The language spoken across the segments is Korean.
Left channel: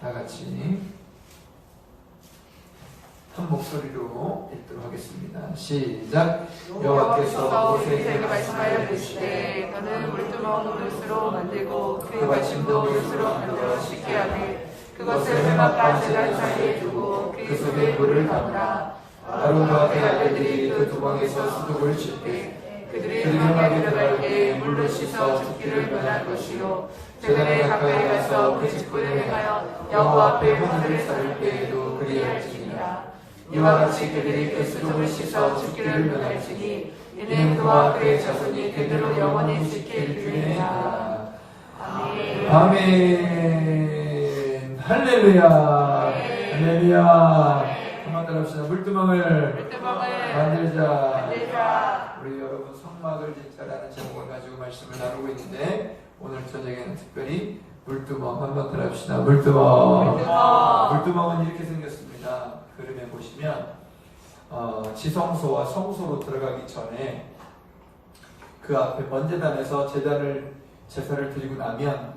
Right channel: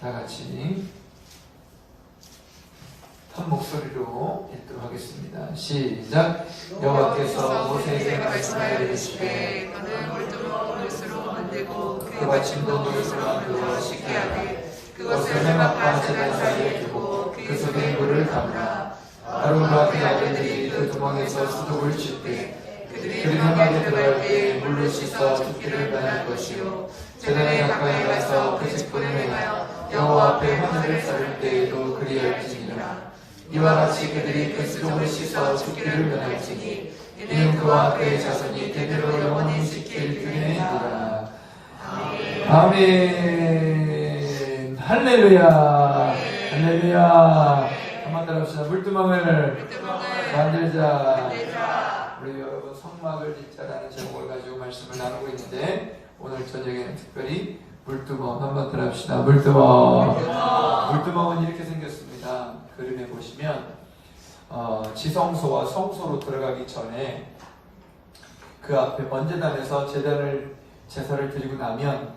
다 같이 한 목소리로 읽도록 하겠습니다. 시작. 여호와께서 모세에게 말씀하여 이르시되 너는 물두멍 놋으로 만들고 그 받침도 놋으로 만들어 씻게 하되 그것을 회막과 제단 사이에 두고 그 속에 물을 담으라. 아론과 그의 아들들이 그 두멍에서 수독을 칠 때 그들이 회막에 들어갈 때 물로 씻어 줍기를 면할 것이요 제단에 가까이 가서 그 직분을 행하여 여호와 앞에 화제를 썰을 때에도 그리할지니라. 이와 같이 그들이 그 수족을 씻어 줍기를 면할지니 이는 그와 그의 자손이 대대로 영원히 지킬 규례니라. 아멘. 아멘. 할렐루야. 할렐루야. 한번 따라합시다. 물두멍을 만들자. 우리 여러분 성막을 짓자라는 제목을 가지고 말씀을 나누고 있는데 오늘 저녁에는 특별히 물두멍 한번 따라합시다. 물두멍. 물두멍은 이렇게 생겼습니다. 그림에 보시면 지성소와 성소로 들어가기 전에 그 앞에 번제단에서 제사를 드리고 나면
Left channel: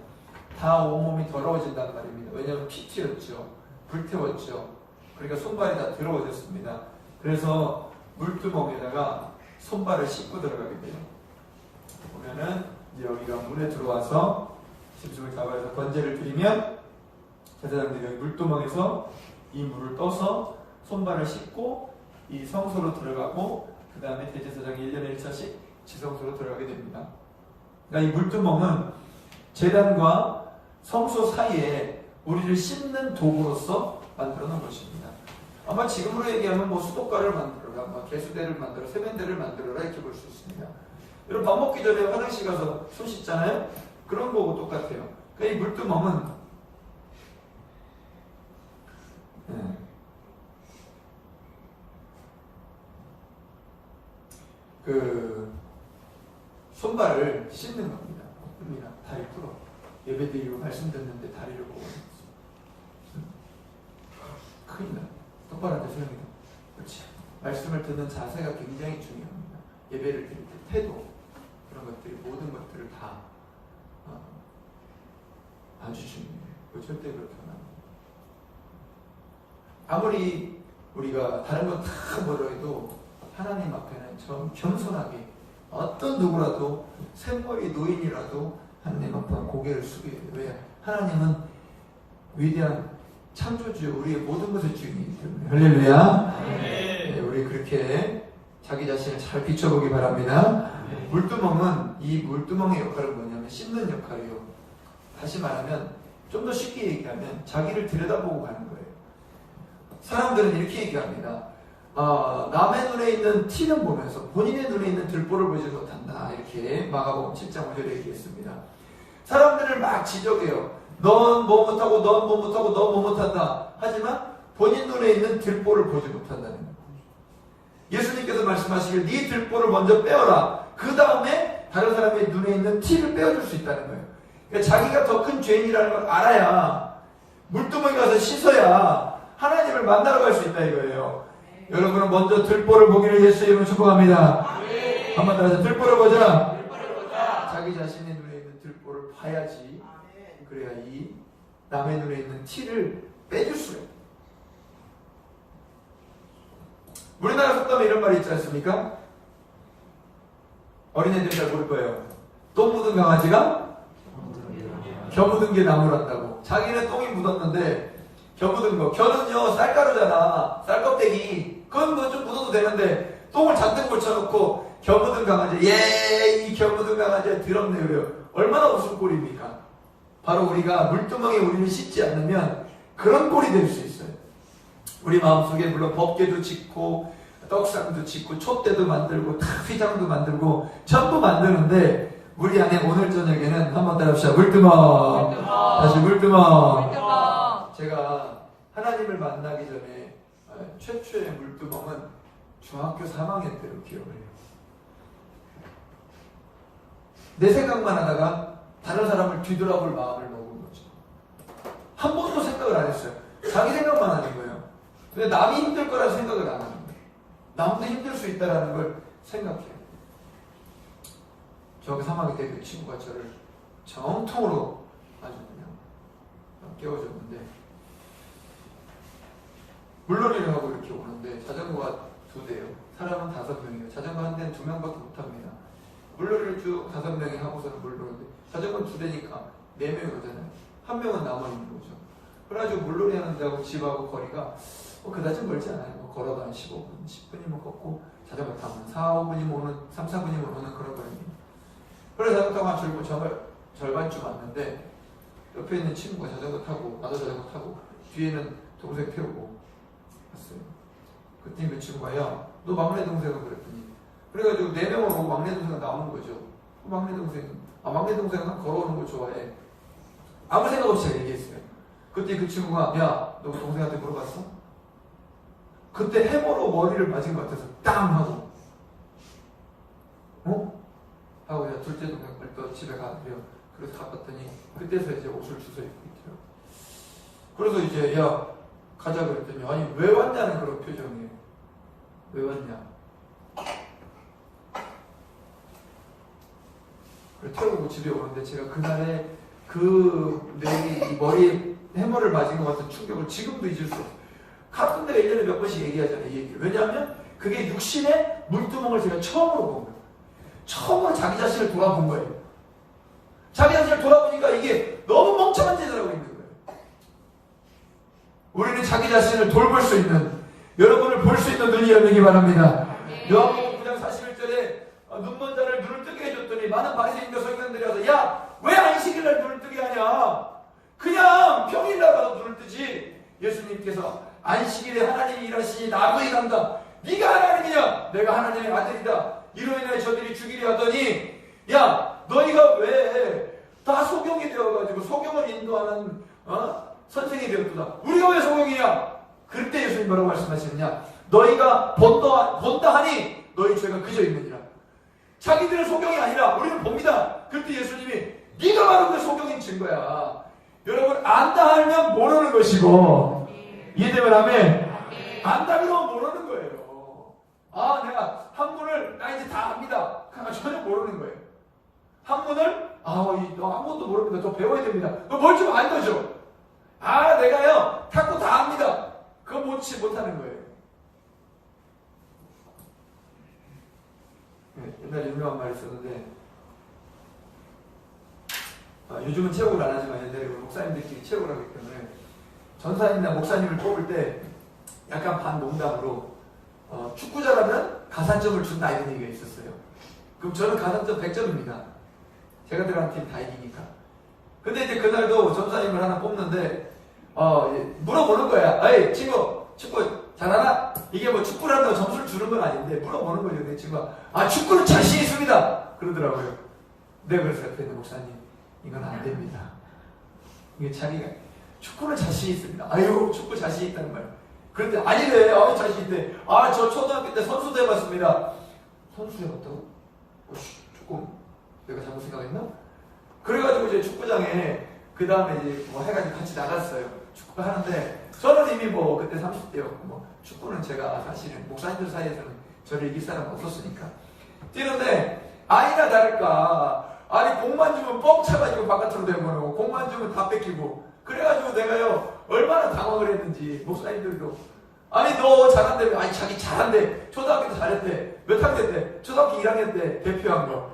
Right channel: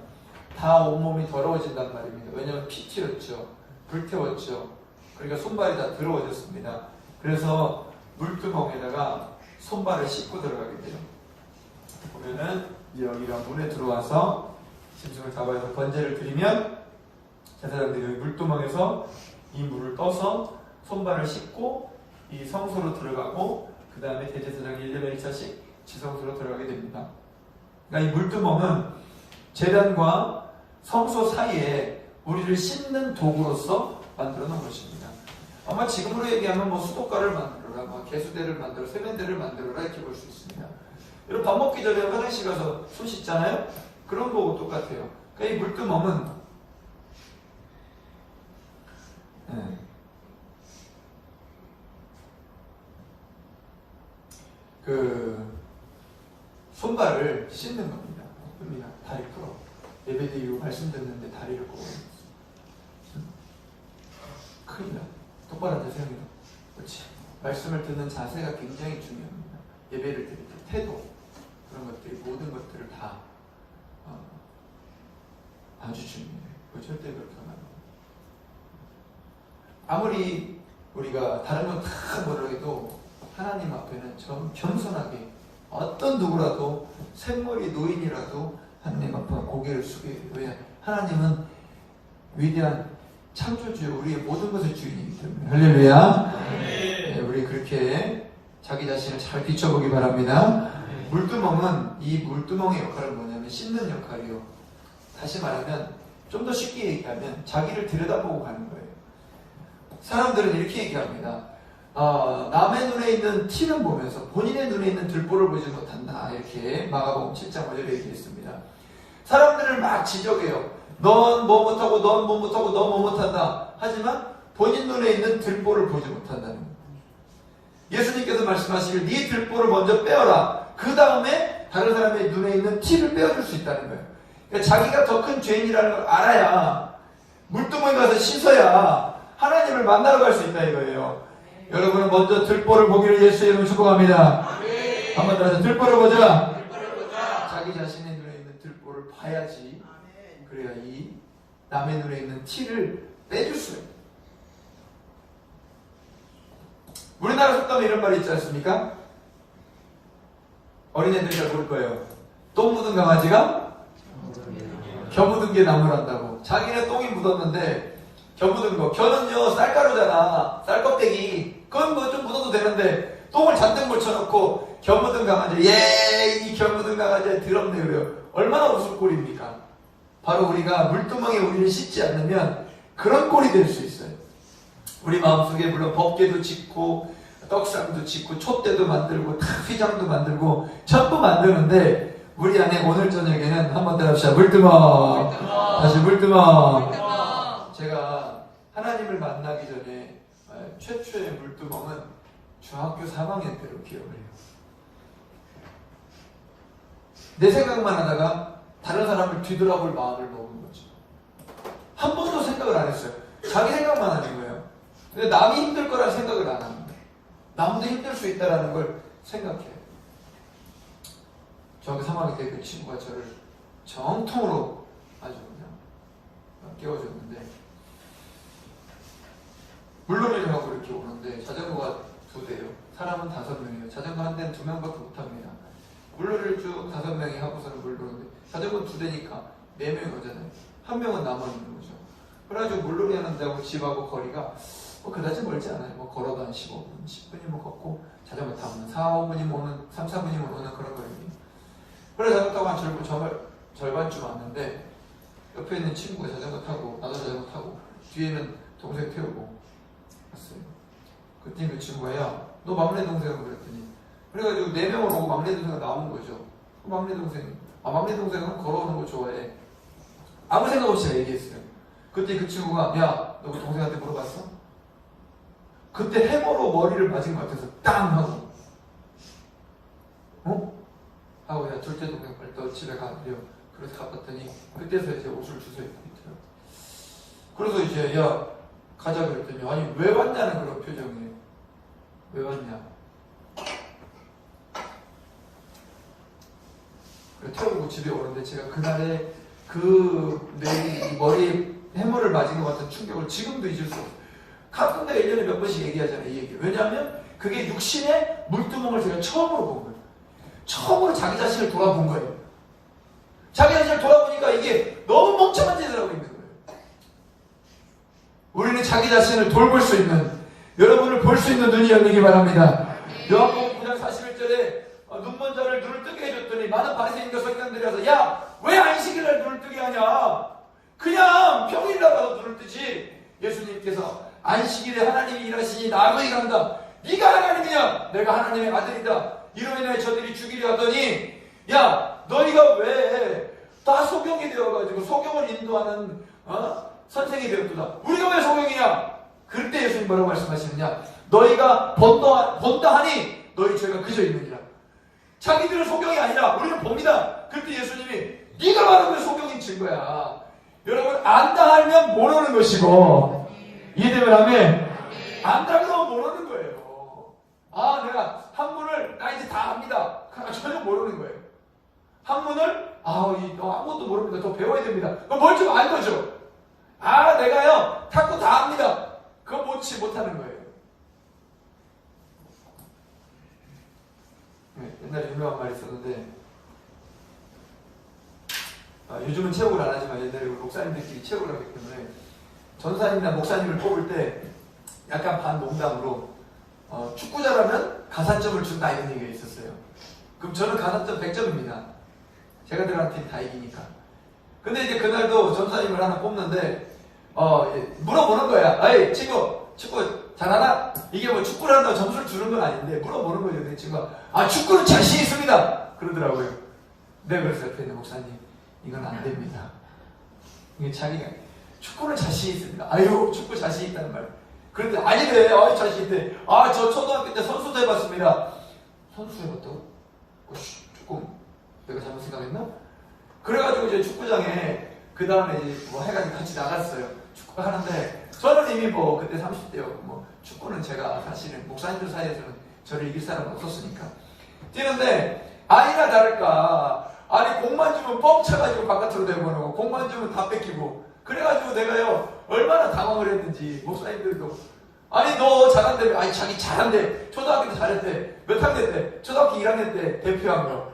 다 온몸이 더러워진단 말입니다. 왜냐하면 피 튀었죠. 불태웠죠. 그러니까 손발이 다 더러워졌습니다. 그래서 물두멍에다가 손발을 씻고 들어가게 돼요. 보면은 여기가 문에 들어와서 짐승을 잡아서 번제를 드리면 제사장들이 여기 물두멍에서 이 물을 떠서 손발을 씻고 이 성소로 들어가고 그 다음에 대제사장이 1년에 1차씩 지성소로 들어가게 됩니다. 그러니까 이 물두멍은 제단과 성소 사이에 우리를 씻는 도구로서 만들어 놓은 것입니다. 아마 지금으로 얘기하면 뭐 수도가를 만들어라, 뭐 개수대를 만들어, 세면대를 만들어라 이렇게 볼 수 있습니다. 여러분 밥 먹기 전에 화장실 가서 손 씻잖아요? 그런 거하고 똑같아요. 그러니까 이 물두멍은 그 손발을 씻는 겁니다. 다리 풀어. 예배 드리고 말씀 듣는데 다리를 보고 큰일 나. 똑바로 앉아서 형님. 그렇지. 말씀을 듣는 자세가 굉장히 중요합니다. 예배를 드릴 때 태도 그런 것들 모든 것들을 다 아주 중요해요. 절대 그렇게 하면 아무리 우리가 다른 건 다 뭐라 해도 하나님 앞에는 좀 겸손하게 어떤 누구라도 샘머리 노인이라도 하나님 앞에 고개를 숙여야 돼요. 왜? 하나님은 위대한 창조주요 우리의 모든 것의 주인이기 때문에. 할렐루야. 네, 우리 그렇게 자기 자신을 잘 비춰보기 바랍니다. 물두멍은 이 물두멍의 역할은 뭐냐면 씻는 역할이요. 다시 말하면 좀 더 쉽게 얘기하면 자기를 들여다보고 가는 거예요. 사람들은 이렇게 얘기합니다. 남의 눈에 있는 티는 보면서 본인의 눈에 있는 들보를 보지 못한다. 이렇게 마가복음 7장 5절에 얘기했습니다. 사람들을 막 지적해요. 넌 뭐 못하고 넌 뭐 못하고 넌 뭐 못한다. 하지만 본인 눈에 있는 들보를 보지 못한다는 거예요. 예수님께서 말씀하시길 네 들보를 먼저 빼어라. 그 다음에 다른 사람의 눈에 있는 티를 빼어줄 수 있다는 거예요. 그러니까 자기가 더 큰 죄인이라는 걸 알아야 물두멍에 가서 씻어야 하나님을 만나러 갈 수 있다 이거예요. 여러분은 먼저 들보를 보기를 예수의 이름으로 축복합니다. 한번 더 하자. 들보를 보자. 자기 자신의 눈에 있는 들보를 봐야지. 그래야 이 남의 눈에 있는 티를 빼줄 수가 있어요. 우리나라 속담에 이런 말이 있지 않습니까? 어린애들이 잘 모를 거예요. 똥 묻은 강아지가 겨 묻은 게 나무란다고. 자기네 똥이 묻었는데 겨 묻은 거. 겨는요 쌀가루잖아. 쌀껍데기. 그건 뭐 좀 묻어도 되는데 똥을 잔뜩 묻혀놓고 겨 묻은 강아지. 이 겨 묻은 강아지가 더럽네 그래요. 얼마나 웃을 꼴입니까? 바로 우리가 물두멍에 우리를 씻지 않으면 그런 꼴이 될 수 있어요. 우리 마음속에 물론 법궤도 짓고 떡상도 짓고 촛대도 만들고 휘장도 만들고 전부 만드는데 우리 안에 오늘 저녁에는 한번 따라합시다. 물두멍. 다시 물두멍. 제가 하나님을 만나기 전에 최초의 물두멍은 중학교 3학년 때로 기억을 해요. 내 생각만 하다가 다른 사람을 뒤돌아볼 마음을 먹은 거죠. 한 번도 생각을 안 했어요. 자기 생각만 하는 거예요. 근데 남이 힘들 거라는 생각을 안 하는 거예요. 남도 힘들 수 있다는 걸 생각해요. 중학교 3학년 때 그 친구가 저를 정통으로 아주 그냥 깨워줬는데 물놀이를 하고 이렇게 오는데 자전거가 2대요. 사람은 5명이에요. 자전거 한 대는 2명밖에 못 합니다. 물놀이를 쭉 5명이 하고서는 물 노는데 자전거는 2대니까 4명이 오잖아요. 1명은 남아있는 거죠. 그래가지고 물놀이 하는데하고 집하고 거리가 그다지 멀지 않아요. 뭐 걸어도 한 15분, 10분이면 걷고 자전거 타면 4, 5분이면 오는, 3, 4분이면 오는 그런 거리입니다. 그래서 자전거 타고 한 절반쯤 왔는데 옆에 있는 친구가 자전거 타고 나도 자전거 타고 뒤에는 동생 태우고 갔어요. 그때 그 친구가 야, 너 막내 동생은 그랬더니 그래가지고 4명을 오고 막내 동생은 남은 거죠. 막내 동생은 걸어오는 거 좋아해. 아무 생각 없이 제가 얘기했어요. 그때 그 친구가 야, 너 동생한테 물어봤어? 그때 해머로 머리를 맞은 것 같아서 땅 하고 하고 야 둘째 동생 빨리 너 집에 가 그래요. 그래서 갔더니 그때서 이제 옷을 주워 입고 있더라고. 그래서 이제 야 가자 그랬더니 아니 왜 왔냐는 그런 표정이에요. 왜 왔냐? 그래 태우고 집에 오는데 제가 그날에 그 내 머리에 해머를 맞은 것 같은 충격을 지금도 잊을 수 없어요. 가끔 내가 1년에 몇 번씩 얘기하잖아요, 이 얘기를. 왜냐하면 그게 육신의 물두멍을 제가 처음으로 본 거예요. 처음으로 자기 자신을 돌아본 거예요. 자기 자신을 돌아보니까 이게 너무 멍청한 짓을 하고 있는 거예요. 우리는 자기 자신을 돌볼 수 있는, 여러분을 볼 수 있는 눈이 열리기 바랍니다. 요한복음 9장 41절에 눈먼 자를 눈을 뜨게 해줬더니 많은 바리새인과 서기관들이 와서 야! 왜 안식일날 눈을 뜨게 하냐? 그냥 평일날 눈을 뜨지. 예수님께서 안식일에 하나님이 일하시니 나도 일한다. 네가 하나님이냐? 내가 하나님의 아들이다. 이로 인해 저들이 죽이려 하더니 야 너희가 왜 다 소경이 되어가지고 소경을 인도하는 선생이 되었도다. 우리가 왜 소경이냐? 그때 예수님 뭐라고 말씀하시느냐? 너희가 본다 하니 너희 죄가 그저 있느니라. 자기들은 소경이 아니라 우리는 봅니다. 그때 예수님이 네가 바로 그 소경인 증거야. 여러분 안다 하면 모르는 것이고 이해되면 아멘. 안다 그러면 모르는 거예요. 아 내가 한문을 나 이제 다 압니다. 전혀 모르는 거예요. 한문을 너 한문도 모릅니다. 더 배워야 됩니다. 너 뭘 좀 안 거죠? 내가요 탁구 다 압니다. 그거 못하는 거예요. 네, 옛날에 유명한 말이 있었는데 요즘은 체육을 안 하지만 옛날에 목사님들끼리 체육을 하기 때문에 전사님이나 목사님을 뽑을 때 약간 반농담으로 축구 잘하면 가산점을 준다 이런 얘기가 있었어요. 그럼 저는 가산점 100점입니다. 제가 들어간 팀 다 이기니까. 근데 이제 그날도 전사님을 하나 뽑는데 물어보는 거야. 에이 친구 축구 잘하나? 이게 뭐 축구를 한다고 점수를 주는 건 아닌데 물어보는 거죠. 내 친구가 축구는 자신 있습니다 그러더라고요. 네 그래서 옆에 있는 목사님 이건 안 됩니다. 이게 자기가 축구는 자신 있습니다. 아유 축구 자신 있다는 말. 그런데 아니래. 자신 있대. 저 초등학교 때 선수도 해봤습니다. 선수 해봤다고? 조금 내가 잘못 생각했나? 그래가지고 이제 축구장에 그 다음에 이제 뭐 해가지고 같이 나갔어요. 축구 하는데 저는 이미 뭐 그때 30대였고 뭐 축구는 제가 사실은 목사님들 사이에서는 저를 이길 사람은 없었으니까 뛰는데 아니나 다를까 공만 주면 뻥 차가지고 바깥으로 내보내고 공만 주면 다 뺏기고 그래가지고 내가요 얼마나 당황을 했는지 목사님들도 너 잘한대. 자기 잘한대. 초등학교 때 잘했대. 몇 학년 때? 초등학교 1학년 때 대표한 거.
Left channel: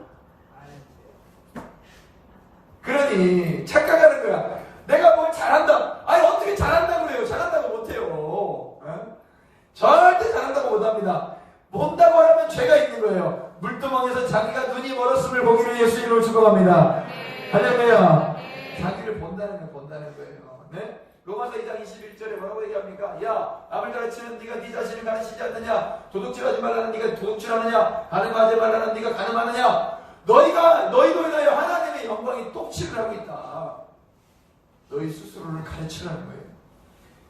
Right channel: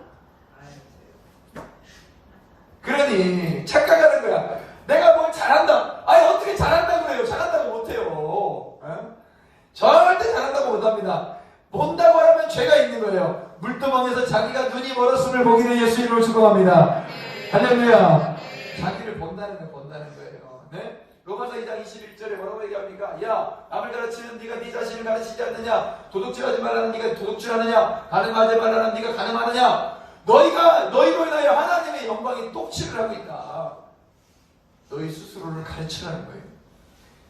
그러니 착각하는 거야. 내가 뭘 잘한다. 어떻게 잘한다고 그래요? 잘한다고 못해요. 절대 잘한다고 못합니다. 본다고 하면 죄가 있는 거예요. 물두멍에서 자기가 눈이 멀었음을 보기를 예수 이름으로 축복합니다. 할렐루야. 자기를 본다는 거예요. 네? 로마서 2장 21절에 뭐라고 얘기합니까? 야 남을 가르치는 네가 네 자신을 가르치지 않느냐? 도둑질하지 말라는 네가 도둑질하느냐? 가늠하지 말라는 네가 가늠하느냐? 너희로 인하여 하나님의 영광이 똑치를 하고 있다. 너희 스스로를 가르치라는 거예요.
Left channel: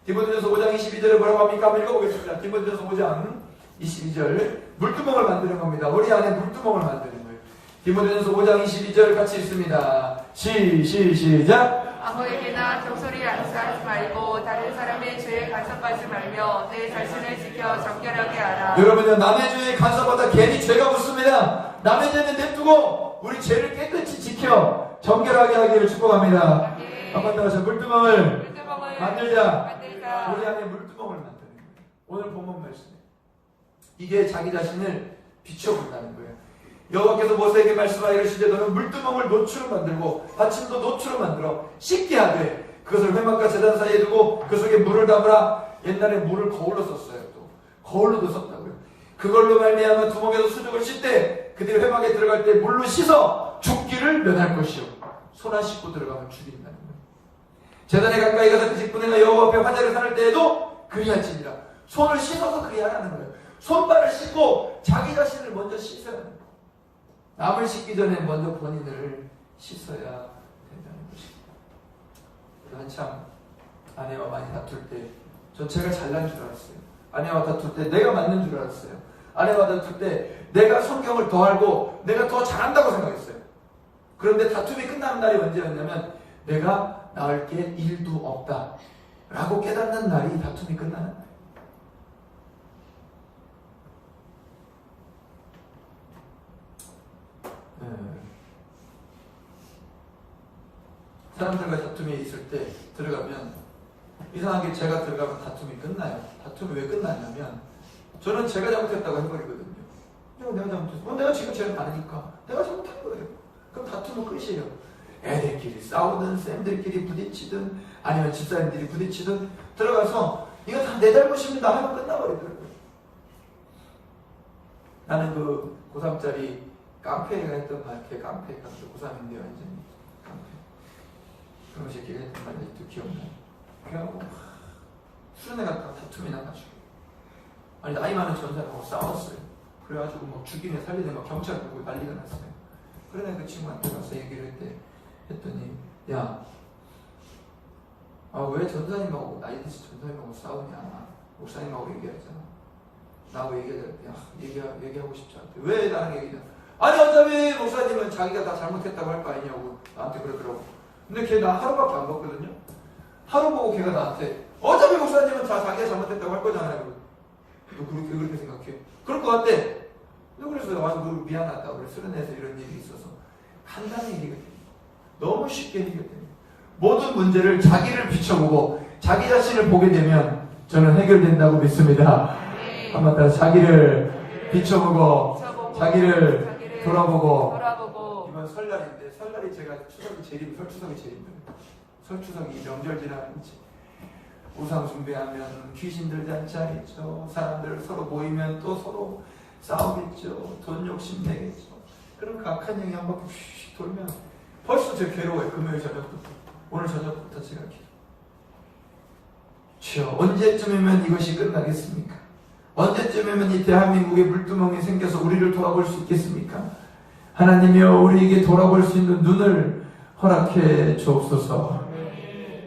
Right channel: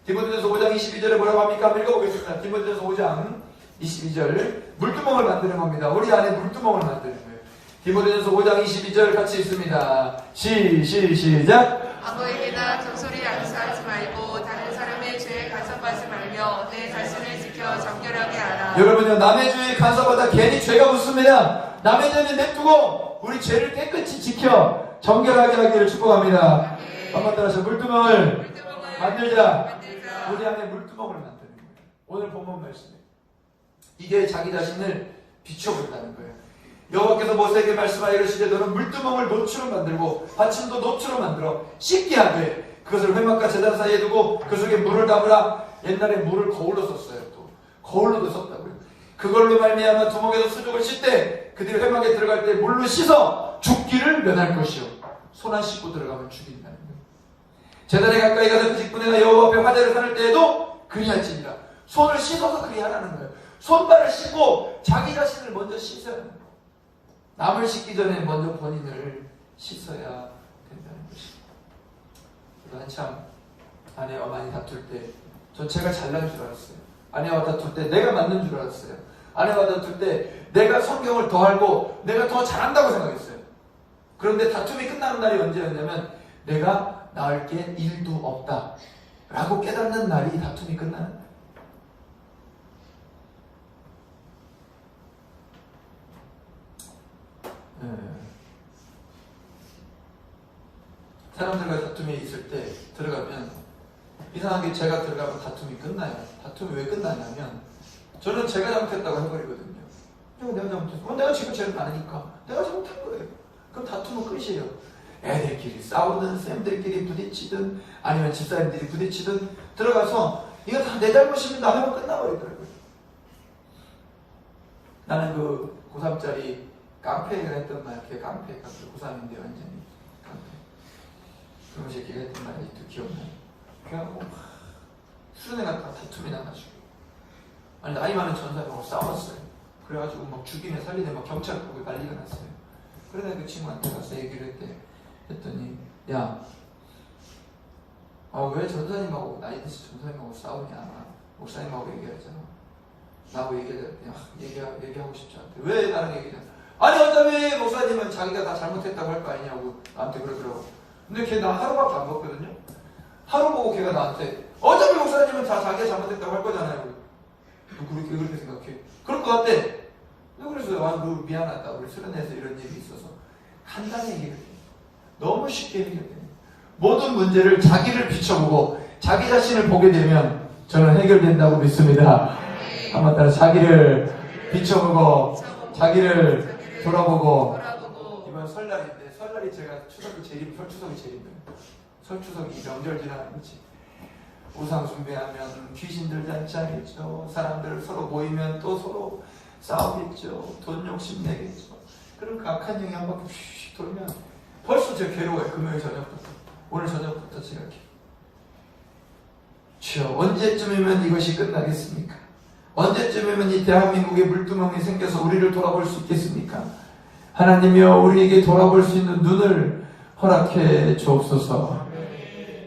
디모데전서 5장 22절에 뭐라고 합니까? 한번 읽어보겠습니다. 디모데전서 5장 22절 물두멍을 만드는 겁니다. 우리 안에 물두멍을 만드는 거예요. 디모데전서 5장 22절 같이 읽습니다. 시작. 아무에게나 적소리 안수하지 말고 다른 사람의 죄에 간섭하지 말며 내 자신을 지켜 정결하게 하라. 여러분요 남의 죄에 간섭하다 괜히 죄가 묻습니다. 남의 죄는 냅두고 우리 죄를 깨끗이 지켜 정결하게 하기를 축복합니다. 한번 따라서 물두멍을 만들자. 우리 안에 물두멍을 만드는 거예요. 오늘 본문 말씀에 이게 자기 자신을 비춰본다는 거예요. 여호와께서 모세에게 말씀하여 이르시되 너는 물두멍을 노추로 만들고 받침도 노추로 만들어 씻게 하되 그것을 회막과 제단 사이에 두고 그 속에 물을 담으라. 옛날에 물을 거울로 썼어요. 또 거울로도 썼다고요. 그걸로 말미암아 두목에서 수족을 씻되 그들이 회막에 들어갈 때 물로 씻어 죽기를 면할 것이요. 손 안 씻고 들어가면 죽인다는 거예요. 제단에 가까이 가서 그 직분에나 여호와 앞에 화제를 삼을 때에도 그리할지니라. 손을 씻어서 그리하라는 거예요. 손발을 씻고 자기 자신을 먼저 씻어야 하는 거예요. 남을 씻기 전에 먼저 본인을 씻어야 된다는 것입니다. 한참 아내와 많이 다툴 때 전 제가 잘난 줄 알았어요. 아내와 다툴 때 내가 맞는 줄 알았어요. 아내와 다툴 때 내가 성경을 더 알고 내가 더 잘한다고 생각했어요. 그런데 다툼이 끝나는 날이 언제였냐면 내가 나을 게 일도 없다 라고 깨닫는 날이 다툼이 끝나는 날. 사람들과 다툼이 있을 때 들어가면 이상하게 제가 들어가면 다툼이 끝나요. 다툼이 왜 끝나냐면 저는 제가 잘못했다고 해버리거든요. 내가 잘못했어. 내가 지금 제일 많으니까 내가 잘못한 거예요. 그럼 다툼은 끝이에요. 애들끼리 싸우든 쌤들끼리 부딪히든 아니면 집사님들이 부딪히든 들어가서 이거 다 내 잘못입니다 하면 끝나버리더라고요. 나는 그 고3짜리 깡패가 했던 말, 걔 깡패가 고3인데 완전히 깡패. 그런 새끼가 했던 말이 또 기억나요. 그냥 수련회가 다 다툼이 나가지고 아니 나이 많은 전사하고 싸웠어요. 그래가지고 막 죽이네 살리네 막 경찰 부르고 난리가 났어요. 그래 내가 그 친구한테 가서 얘기를 했더니 야, 왜 전사님하고 나이 드신 전사님하고 싸우냐. 목사님하고 얘기하잖아. 나하고 얘기하고 싶지 않대. 왜 나랑 얘기하냐. 아니 어차피 목사님은 자기가 다 잘못했다고 할 거 아니냐고 나한테 그러더라고. 근데 걔 나 하루밖에 안 봤거든요. 하루 보고 걔가 나한테 어차피 목사님은 다 자기가 잘못했다고 할 거잖아요. 너 그렇게 생각해? 그럴 것 같대. 그래서 미안하다. 우리 수련회에서 이런 일이 있어서 간단히 얘기를 해요. 너무 쉽게 해결돼요. 모든 문제를 자기를 비춰보고 자기 자신을 보게 되면 저는 해결된다고 믿습니다. 한번 따라 자기를 비춰보고 자기를 돌아보고. 이번 설날인데 설날이 제가 설추석이 제일 힘들어요. 설추석이 명절 지나는지 우상 숭배하면 귀신들 잔치 하겠죠. 사람들 서로 모이면 또 서로 싸우겠죠. 돈 욕심 내겠죠. 그럼 그 악한 영이 한 바퀴 휙 돌면 벌써 제가 괴로워요. 금요일 저녁부터. 오늘 저녁부터 제가 주여 언제쯤이면 이것이 끝나겠습니까? 언제쯤이면 이 대한민국에 물두멍이 생겨서 우리를 돌아볼 수 있겠습니까? 하나님이여 우리에게 돌아볼 수 있는 눈을 허락해 주옵소서.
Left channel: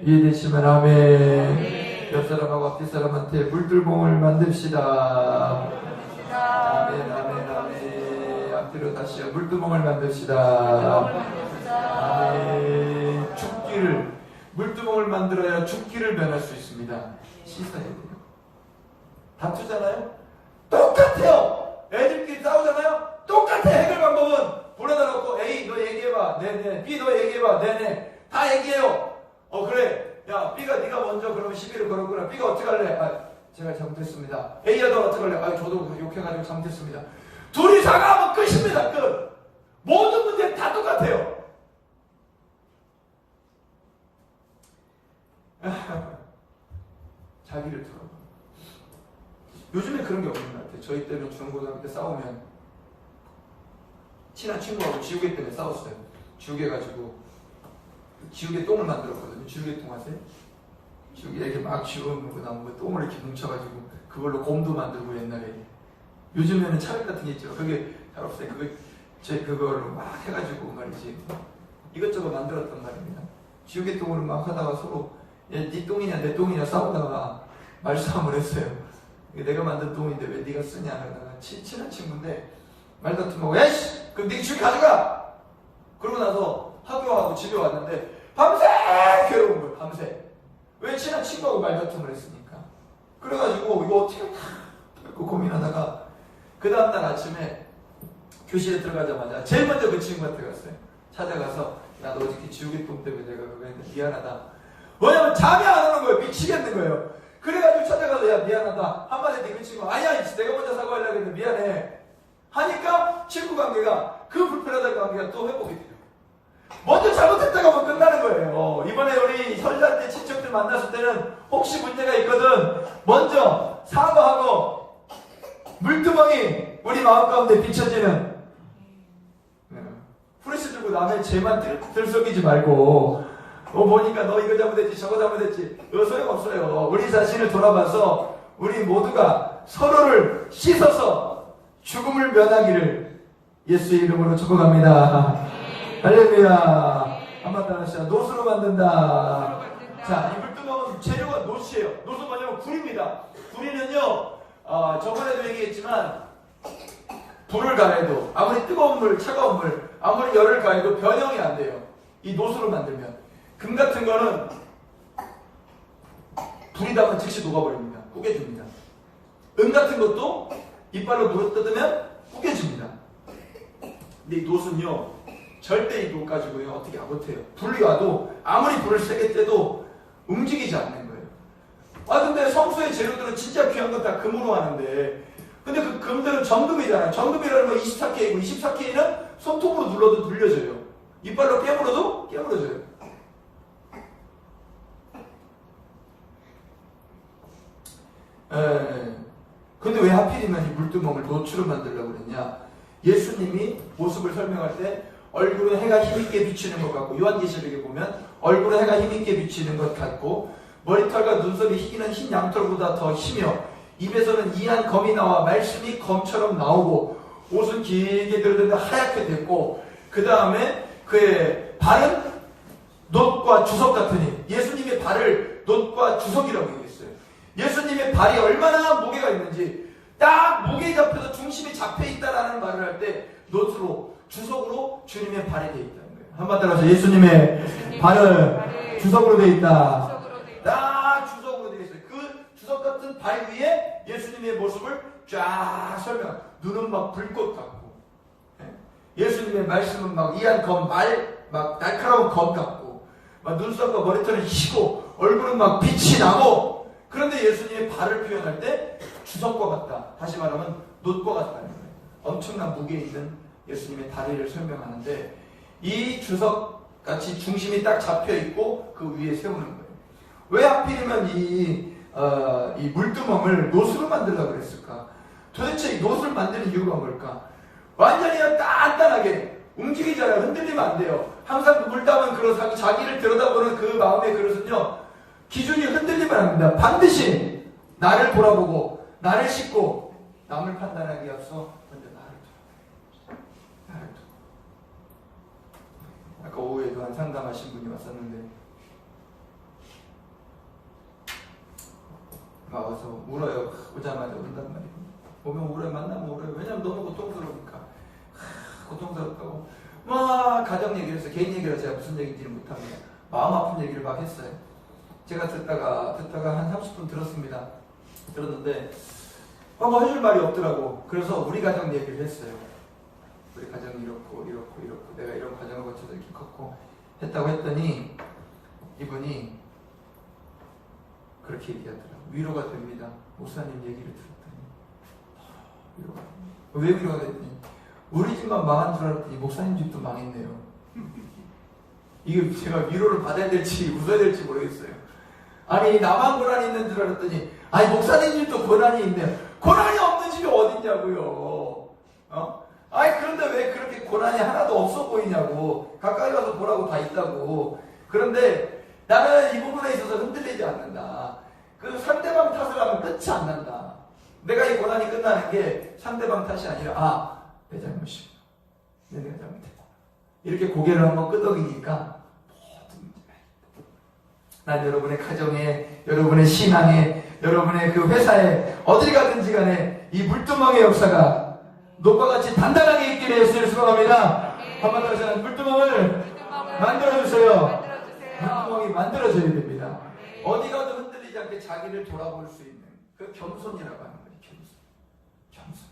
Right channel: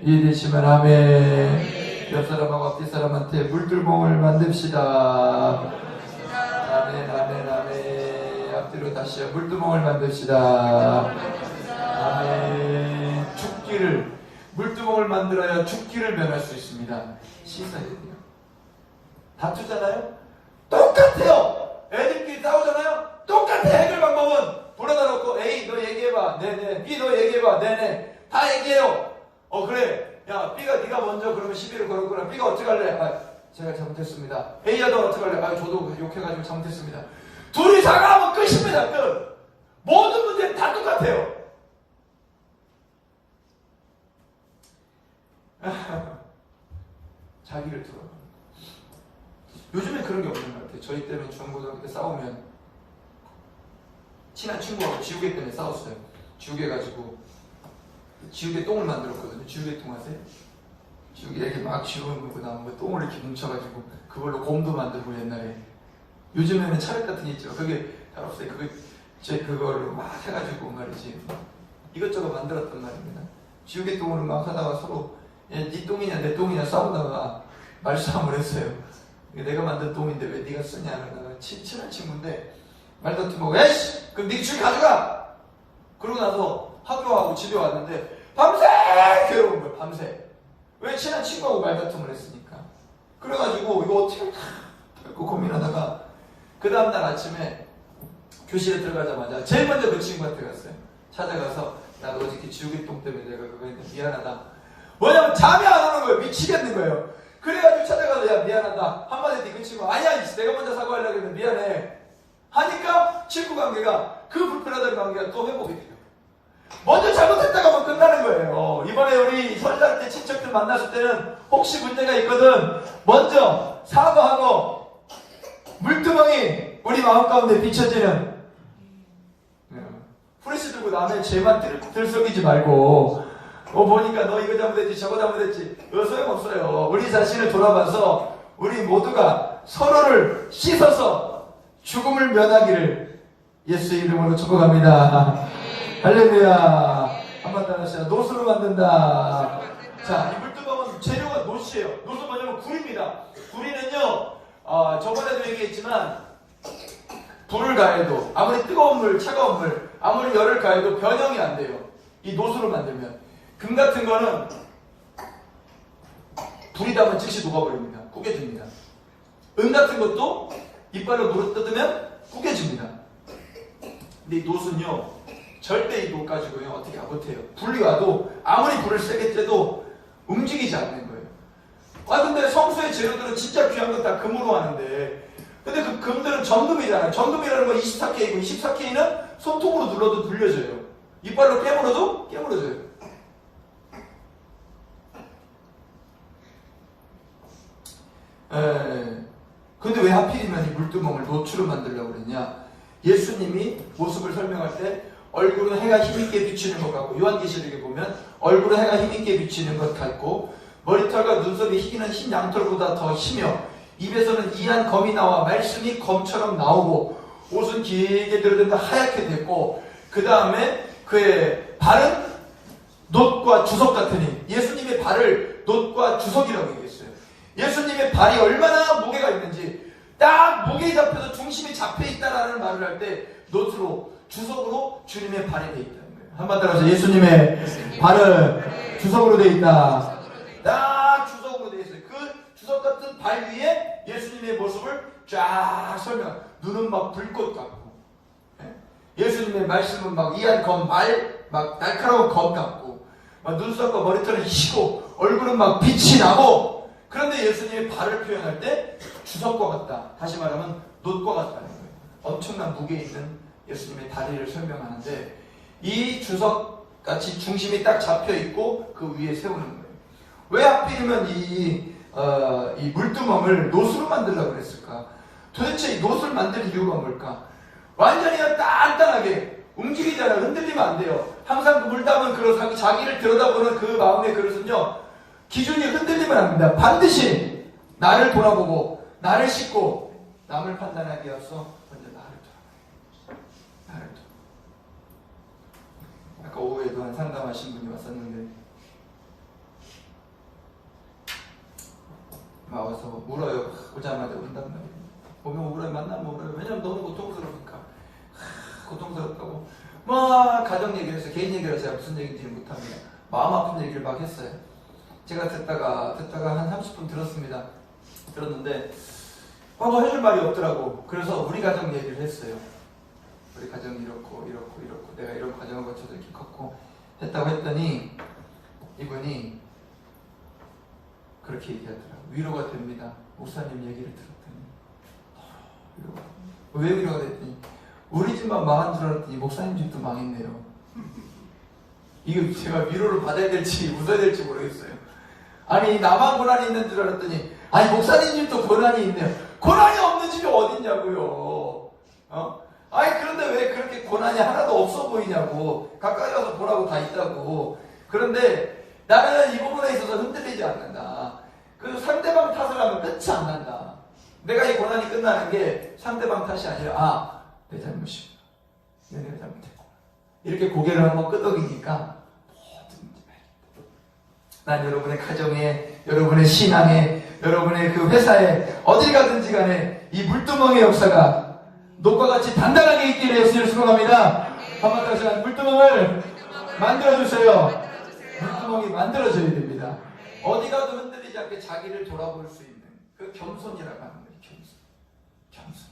이해되시면 아멘. 옆 사람하고 앞뒤 사람한테 물두멍을 만듭시다. 아멘 아멘 아멘. 앞뒤로 다시요. 물두멍을 만듭시다. 아멘. 물두멍을 만들어야 죽기를 면할 수 있습니다. 씻어야 돼요. 다투잖아요? 똑같아요. 애들끼리 싸우잖아요? 똑같아. 해결 방법은 불러다 놓고 A 너 얘기해봐. 네네. B 너 얘기해봐. 네네. 다 얘기해요. 그래. 야 B가 네가 먼저 그러면 시비를 걸었구나. B가 어떻게 할래? 제가 잘못했습니다. A야 너 어떻게 할래? 저도 욕해가지고 잘못했습니다. 둘이 사과하면 끝입니다. 끝. 모든 문제는 다 똑같아요. 자기를 들어. 요즘에 그런 게 없는 것 같아요. 저희 때는 중고등학교 때 싸우면 친한 친구하고 지우개 때문에 싸웠어요. 지우개 가지고 지우개 똥을 만들었거든요. 지우개 똥 아세요? 지우개 이렇게 막 지우고 나면 똥을 이렇게 뭉쳐가지고 그걸로 곰도 만들고 옛날에. 요즘에는 차력 같은 게 있죠. 그게 잘 없어요. 그걸로 막 해가지고 말이지 이것저것 만들었단 말입니다. 지우개 똥으로 막 하다가 서로 네 똥이냐 내 똥이냐 싸우다가 말싸움을 했어요. 내가 만든 똥인데 왜 네가 쓰냐 그러다가 친한 친구인데 말다툼하고 야이씨 그럼 네가 지우개 가져가. 그러고 나서 학교하고 집에 왔는데 밤새 괴로운 거예요. 밤새. 왜 친한 친구하고 말다툼을 했으니까. 그래가지고 이거 어떻게 고민하다가 그 다음날 아침에 교실에 들어가자마자 제일 먼저 그 친구한테 갔어요. 찾아가서 야 너 어저께 지우개똥 때문에 내가 그거 했는데 미안하다. 뭐냐면 잠이 안 오는 거예요. 미치겠는 거예요. 그래가지고 찾아가서 야 미안하다 한마디 네 그 친구 아니야 내가 먼저 사과하려고 했는데 미안해 하니까 친구 관계가 그 불편하던 관계가 또 회복이 돼요. 먼저 잘못했다가 뭐 끝나는 거예요. 이번에 우리 설날 때 친척들 만났을 때는 혹시 문제가 있거든 먼저 사과하고 물두멍이 우리 마음 가운데 비춰지는 후레쉬 들고 남의 죄만 들썩이지 말고 보니까 너 이거 잘못했지 저거 잘못했지 이거 소용없어요. 우리 자신을 돌아봐서 우리 모두가 서로를 씻어서 죽음을 면하기를 예수의 이름으로 축복합니다. 할렐루야. 한번 따라하시죠. 노수로 만든다. 자, 이 물두멍은 재료가 노시예요. 노수 뭐냐면 굴입니다. 굴이는요 저번에도 얘기했지만 불을 가해도 아무리 뜨거운 물 차가운 물 아무리 열을 가해도 변형이 안 돼요. 이 노수로 만들면 금 같은 거는 불이 닿으면 즉시 녹아버립니다. 구겨줍니다. 은 같은 것도 이빨로 물어뜯으면 구겨집니다. 근데 이 노수는요 절대 이 녹 가지고요 어떻게 못해요. 불이 와도 아무리 불을 세게 쬐도 움직이지 않는 거예요. 근데 성소의 재료들은 진짜 귀한 건 다 금으로 하는데 근데 그 금들은 정금이잖아요. 정금이라는 건 24K이고 24K는 손톱으로 눌러도 눌려져요. 이빨로 깨물어도 깨물어져요. 근데 왜 하필이면 이 물두멍을 노추로 만들려고 그랬냐? 예수님이 모습을 설명할 때 얼굴은 해가 힘있게 비치는 것 같고 요한계시록에 보면 얼굴에 해가 힘있게 비치는 것 같고 머리털과 눈썹이 희기는 흰 양털보다 더 희며 입에서는 이한 검이 나와 말씀이 검처럼 나오고 옷은 길게 들어든다 하얗게 됐고 그 다음에 그의 발은 놋과 주석 같으니 예수님의 발을 놋과 주석이라고 얘기했어요. 예수님의 발이 얼마나 무게가 있는지 딱 무게에 잡혀서 중심이 잡혀있다라는 말을 할 때 놋으로 주석으로 주님의 발이 되어 있다는 거예요. 한마디로 해서 예수님의 발은 주석으로 되어 있다. 딱 주석으로 되어 있어요. 그 주석 같은 발 위에 예수님의 모습을 쫙 설명. 눈은 막 불꽃 같고 예수님의 말씀은 막 이한 검, 막 날카로운 검 같고 막 눈썹과 머리털은 희고 얼굴은 막 빛이 나고 그런데 예수님의 발을 표현할 때 주석과 같다. 다시 말하면 놋과 같다는 거예요. 엄청난 무게 있는 예수님의 다리를 설명하는데 이 주석같이 중심이 딱 잡혀있고 그 위에 세우는 거예요. 왜 하필이면 이 물두멍을 놋으로 만들려고 그랬을까? 도대체 이 놋을 만드는 이유가 뭘까? 완전히 단단하게 움직이잖아요. 흔들리면 안 돼요. 항상 물 담은 그릇, 자기를 들여다보는 그 마음의 그릇은요 기준이 흔들리면 안 된다. 반드시 나를 돌아보고 나를 씻고 남을 판단하기에 앞서 먼저 나를 돌아봐요. 나를 돌아봐요. 아까 오후에도 한 상담하신 분이 왔었는데 막 와서 울어요. 오자마자 운단 말이에요. 보면 울어요. 만나면 울어요. 왜냐면 너무 고통스러우니까. 고통스럽다고 막 가정 얘기를 해서 개인 얘기를 제가 무슨 얘기인지는 못합니다. 마음 아픈 얘기를 막 했어요. 제가 듣다가 한 30분 들었습니다. 들었는데 뭐 해줄 말이 없더라고. 그래서 우리 가정 얘기를 했어요. 우리 가정이 이렇고 내가 이런 과정을 거쳐서 이렇게 컸고 했다고 했더니 이분이 그렇게 얘기하더라고요. 위로가 됩니다. 목사님 얘기를 들었더니 위로가 됩니다. 왜 위로가 됐더니 우리 집만 망한 줄 알았더니 목사님 집도 망했네요. 이게 제가 위로를 받아야 될지 웃어야 될지 모르겠어요. 아니 나만 고난이 있는 줄 알았더니 아니 목사님 집도 고난이 있네요. 고난이 없는 집이 어딨냐고요. 아니 그런데 왜 그렇게 고난이 하나도 없어 보이냐고. 가까이 가서 보라고 다 있다고. 그런데 나는 이 부분에 있어서 흔들리지 않는다. 그 상대방 탓을 하면 끝이 안 난다. 내가 이 고난이 끝나는 게 상대방 탓이 아니라 내 잘못이구나. 내가 잘못했구나. 이렇게 고개를 한번 끄덕이니까 모든 문제가 해결된다. 난 여러분의 가정에, 여러분의 신앙에, 여러분의 그 회사에 어딜 가든지 간에 이 물두멍의 역사가 녹과 같이 단단하게 있기를 예수를 수고합니다. 한번 다시 물두멍을 만들어주세요. 물두멍이 만들어져야 됩니다. 어디 가도 흔들리지 않게 자기를 돌아볼 수 있는 그 겸손이라고 하는 거예요. 겸손하세요.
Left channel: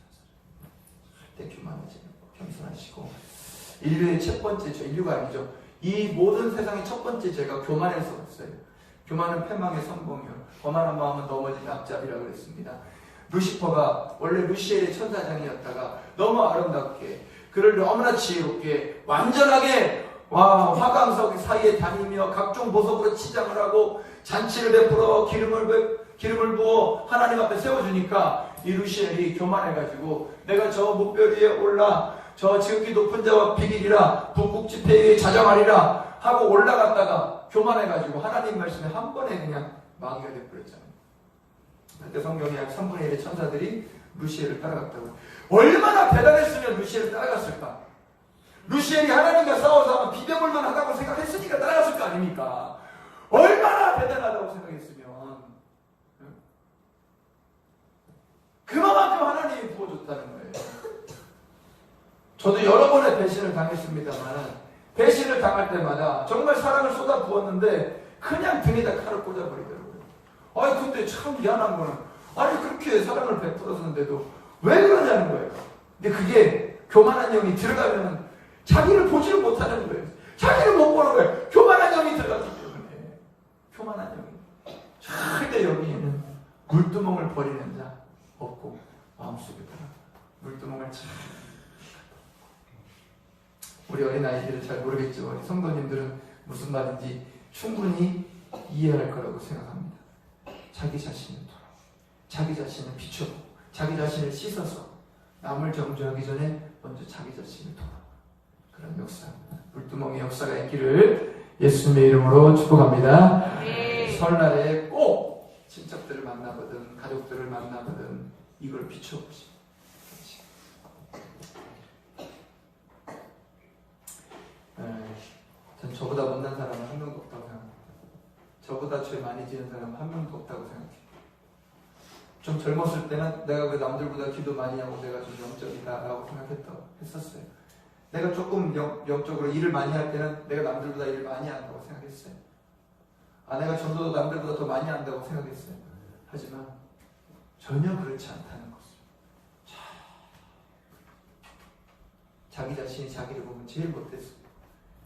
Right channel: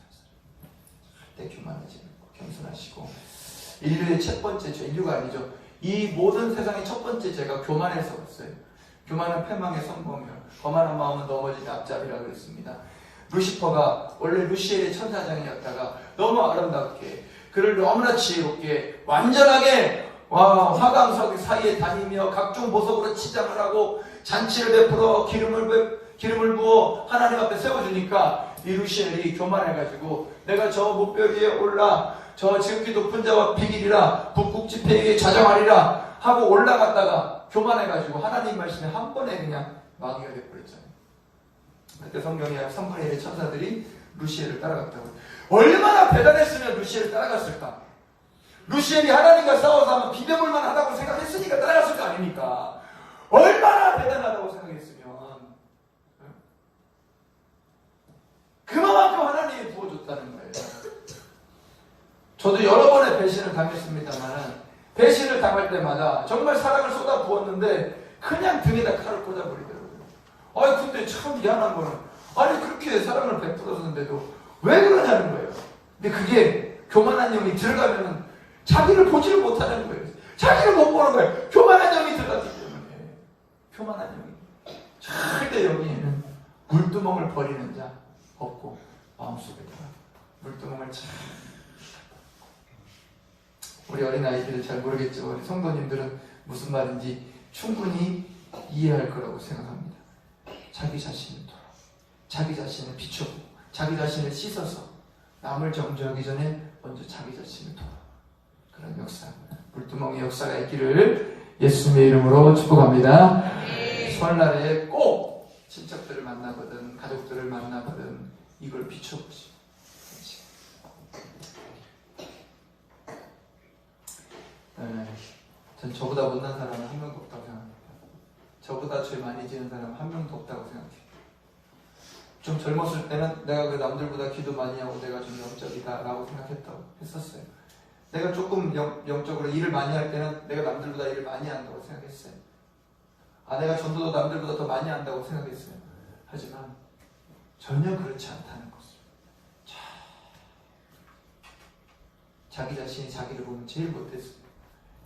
절대 교만하지 말고 겸손하시고 인류의 첫 번째 죄, 인류가 아니죠. 이 모든 세상의 첫 번째 죄가 교만에서 왔어요. 교만은 패망의 선봉이요 거만한 마음은 넘어지는 앞잡이라고 그랬습니다. 루시퍼가 원래 루시엘의 천사장이었다가 너무 아름답게 그를 너무나 지혜롭게 완전하게 화강석 사이에 다니며 각종 보석으로 치장을 하고 잔치를 베풀어 기름을 부어 하나님 앞에 세워주니까 이 루시엘이 교만해가지고 내가 저 목별 위에 올라 저 지극히 높은 자와 비길이라 북극지폐 위에 자정하리라 하고 올라갔다가 교만해가지고 하나님 말씀에 한 번에 그냥 마귀가 되어버렸잖아요. 그때 성경에 약 3분의 1의 천사들이 루시엘을 따라갔다고. 얼마나 대단했으면 루시엘을 따라갔을까? 루시엘이 하나님과 싸워서 하면 비벼볼만 하다고 생각했으니까 따라갔을 거 아닙니까? 얼마나 대단하다고 생각했으면 그만큼 하나님이 부어줬다는 거예요. 저도 여러 번의 배신을 당했습니다만 배신을 당할 때마다 정말 사랑을 쏟아 부었는데 그냥 등에다 칼을 꽂아버리더라고요. 아니 근데 참 미안한 거는 아니 그렇게 사랑을 베풀었는데도 왜 그러냐는 거예요. 근데 그게 교만한 영이 들어가면 자기를 보지를 못하는 거예요. 자기를 못 보는 거예요. 교만한 영이 들어갔기 때문에. 교만한 영이 절대 여기에는 물두멍을 버리는 자 없고 마음속에다가 물두멍을 잘 우리 어린아이들은 잘 모르겠죠. 우리 성도님들은 무슨 말인지 충분히 이해할 거라고 생각합니다. 자기 자신을 돌아 자기 자신을 비춰보고 자기 자신을 씻어서 남을 정죄하기 전에 먼저 자기 자신을 돌아 그런 역사 물두멍의 역사가 있기를 예수님의 이름으로 축복합니다. 설날에 꼭 친척들을 만나거든 가족들을 만나거든 이걸 비춰보시. 전 저보다 못난 사람은 한 명도 없다고 생각합니다. 저보다 죄 많이 지은 사람은 한 명도 없다고 생각해요. 좀 젊었을 때는 내가 그 남들보다 기도 많이 하고 내가 좀 영적이다 라고 했었어요. 내가 조금 영적으로 일을 많이 할 때는 내가 남들보다 일을 많이 한다고 생각했어요. 내가 전도도 남들보다 더 많이 한다고 생각했어요. 하지만 전혀 그렇지 않다는 것을. 자기 자신이 자기를 보면 제일 못했어요.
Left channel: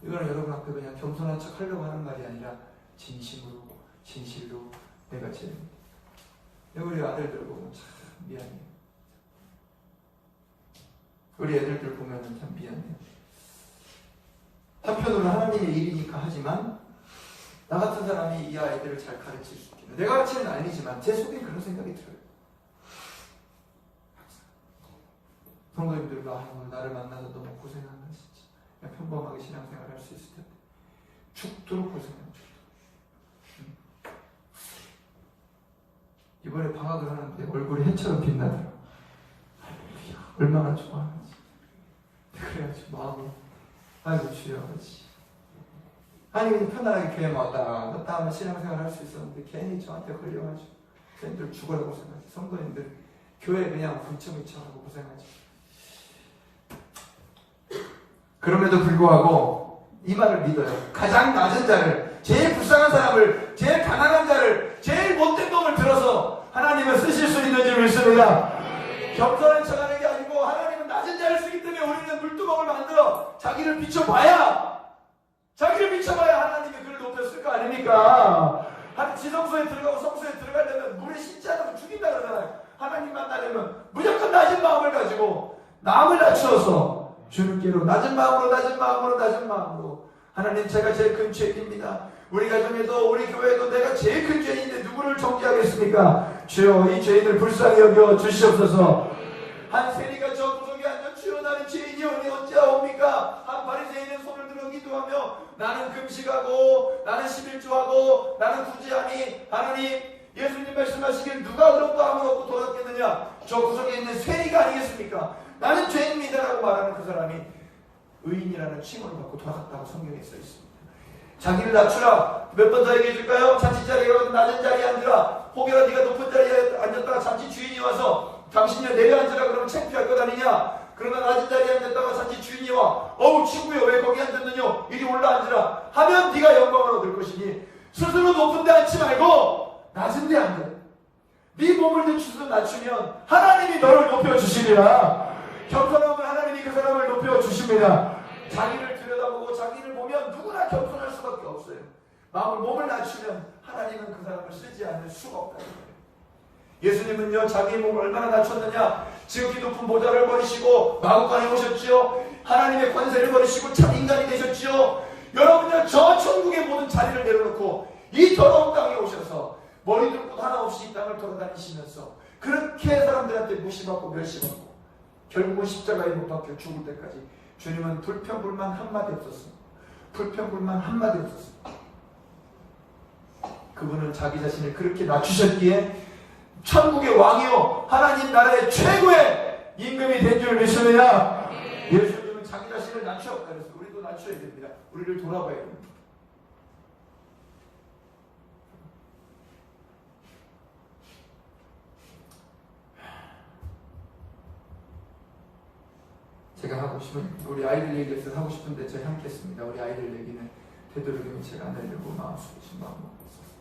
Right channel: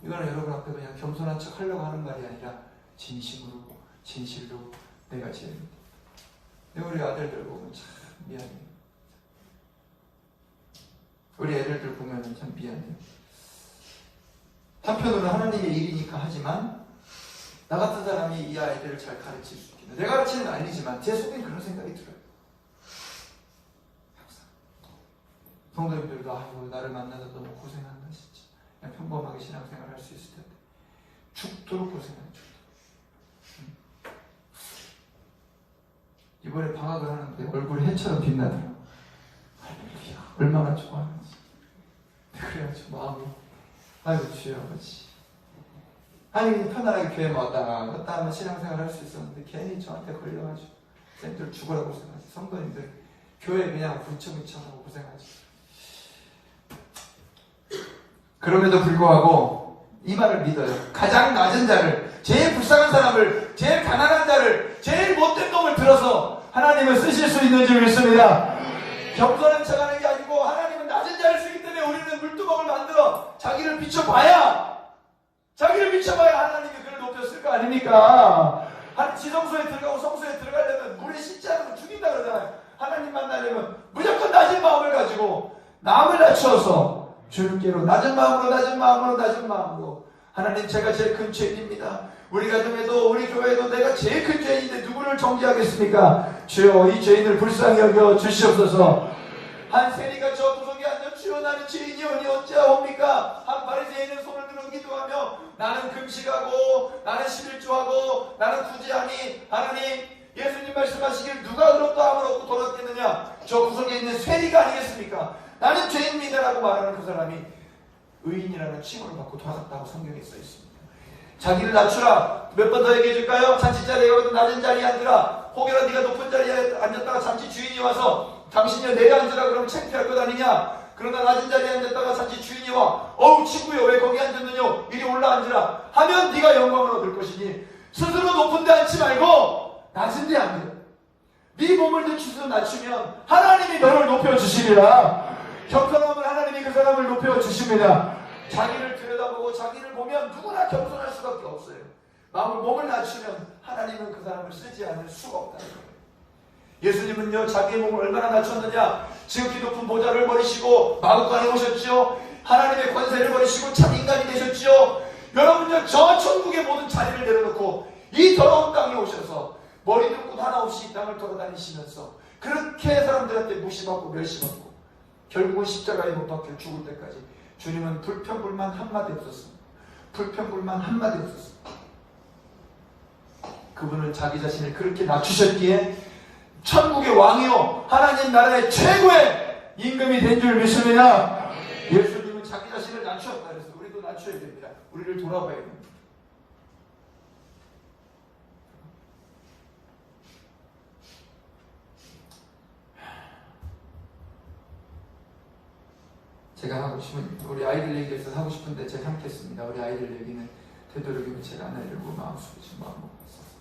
이거는 여러분 앞에 그냥 겸손한 척 하려고 하는 말이 아니라 진심으로 진실로 내가 제일 못해. 우리 아들들 보면 참 미안해요. 우리 애들들 보면 참 미안해요. 한편으로는 하나님의 일이니까 하지만 나 같은 사람이 이 아이들을 잘 가르칠 수 있겠나. 내가 가르치는 건 아니지만 제 속에 그런 생각이 들어요. 항상 성도님들도 아이고 나를 만나서 너무 고생한다 진짜. 그냥 평범하게 신앙생활 할 수 있을 텐데 죽도록 고생하는 죽도록. 이번에 방학을 하는데 얼굴이 해처럼 빛나더라고. 할렐루야 얼마나 좋아하는지. 그래가지고 마음이 아이고 주여 아버지 아니 그냥 편안하게 교회 왔다 갔다 하면 신앙생활 할 수 있었는데 괜히 저한테 걸려가지고 쌤들 죽으라고 고생하지. 성도님들 교회 그냥 분청이청하고 고생하지. 그럼에도 불구하고 이 말을 믿어요. 가장 낮은 자를, 제일 불쌍한 사람을, 제일 가난한 자를, 제일 못된 놈을 들어서 하나님은 쓰실 수 있는 줄 믿습니다. 겸손한 척하는 게 아니고 하나님은 낮은 자를 쓰기 때문에 우리는 물두멍을 만들어 자기를 비춰봐야 하나님이 그를 높였을 거 아닙니까? 지성소에 들어가고 성소에 들어가려면 물에 씻지 않으면 죽인다 그러잖아요. 하나님 만나려면 무조건 낮은 마음을 가지고 남을 낮추어서 주님께로 낮은 마음으로 하나님 제가 제일 큰 죄인입니다. 우리 가정에도 우리 교회에도 내가 제일 큰 죄인인데 누구를 정죄하겠습니까? 주여 이 죄인을 불쌍히 여겨 주시옵소서. 한 세리가 저 구석에 앉아 주여 나는 죄인이오니 어찌하옵니까? 한 바리새인은 손을 들어 기도하며 나는 금식하고 나는 11조하고 나는 구제하니 하나님 예수님 말씀하시길 누가 의롭다 함을 얻고 돌아갔겠느냐? 저 구석에 있는 세리가 아니겠습니까? 나는 죄인입니다라고 말하는 그 사람이 의인이라는 칭호를 받고 돌아갔다고 성경에 써 있습니다. 자기를 낮추라. 몇 번 더 얘기해 줄까요? 잔치 자리에 가거든 낮은 자리에 앉으라. 혹여나 네가 높은 자리에 앉았다가 잔치 주인이 와서 당신이 내려 앉으라 그러면 창피할 것 아니냐? 그러나 낮은 자리에 앉았다가 잔치 주인이 와 어우 친구여 왜 거기 앉았느냐? 이리 올라 앉으라 하면 네가 영광을 얻을 것이니 스스로 높은 데 앉지 말고 낮은 데 앉아. 네 몸을 낮추면 하나님이 너를 높여주시리라. 겸손함을 하나님이 그 사람을 높여주십니다. 자기를 들여다보고 자기를 보면 누구나 겸손할 수밖에 없어요. 몸을 낮추면 하나님은 그 사람을 쓰지 않을 수가 없다는 거예요. 예수님은요, 자기의 몸을 얼마나 낮췄느냐? 지극히 높은 보좌를 버리시고 마구간에 오셨죠. 하나님의 권세를 버리시고 참 인간이 되셨죠. 여러분요, 저 천국의 모든 자리를 내려놓고 이 더러운 땅에 오셔서 머리도 끝 하나 없이 이 땅을 돌아다니시면서 그렇게 사람들한테 무시받고 멸시받고 결국은 십자가에 못 박혀 죽을 때까지 주님은 불평불만 한마디 없었습니다. 불평불만 한마디 없었습니다. 그분은 자기 자신을 그렇게 낮추셨기에 천국의 왕이요 하나님 나라의 최고의 임금이 된 줄 믿습니다. 예수님은 자기 자신을 낮추었다 그래서 우리도 낮춰야 됩니다. 우리를 돌아봐야 됩니다. 제가 하고 싶은 우리 아이들 얘기해서 하고 싶은데 제가 함께 했습니다. 우리 아이들 얘기는 되도록이면 제가 안 하려고 마음속에 좀 마음 먹고 있어서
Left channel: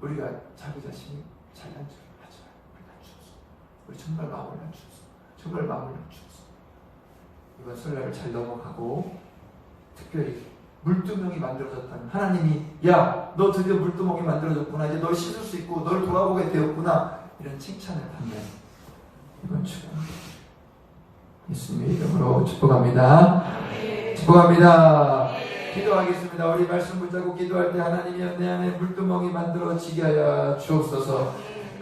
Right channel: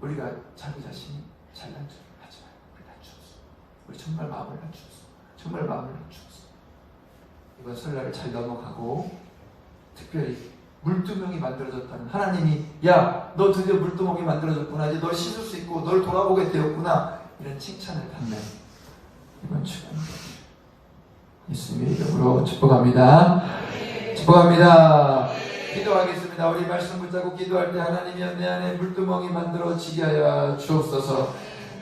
우리가 자기 자신이 잘난 줄 하지 마요. 우리 낮추었어. 우리 정말 마음을 낮추었어. 정말 마음을 낮추었어. 이번 설날을 잘 넘어가고 특별히 물두멍이 만들어졌다는 하나님이 야, 너 드디어 물두멍이 만들어졌구나. 이제 널 씻을 수 있고 널 돌아보게 되었구나. 이런 칭찬을 받는 이번 주간 예수님의 이름으로 축복합니다. 축복합니다. 기도하겠습니다. 우리 말씀 붙잡고 기도할 때 하나님이여 내 안에 물두멍이 만들어지게 하여 주옵소서.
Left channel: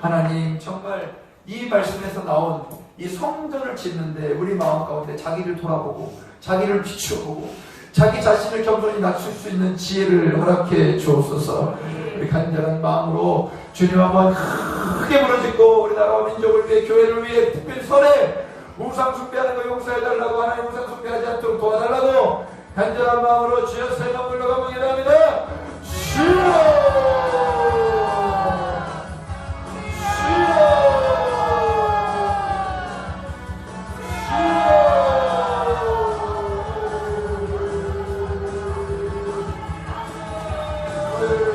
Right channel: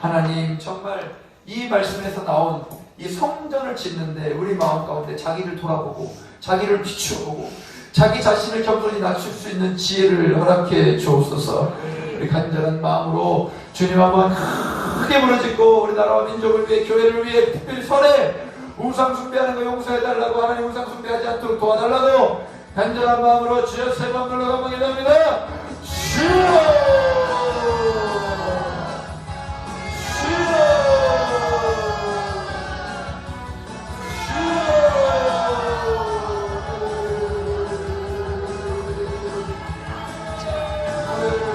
하나님 정말 이 말씀에서 나온 이 성전을 짓는데 우리 마음 가운데 자기를 돌아보고 자기를 비추어보고 자기 자신을 겸손히 낮출 수 있는 지혜를 허락해 주옵소서. 우리 간절한 마음으로 주님 한번 크게 부르짖고 우리 나라와 민족을 위해 교회를 위해 특별히 설에 우상 숭배하는 거 용서해달라고 하나님 우상 숭배하지 않도록 도와달라고 간절한 마음으로 주여 세 명 불러 가보게 합니다. 주여 주여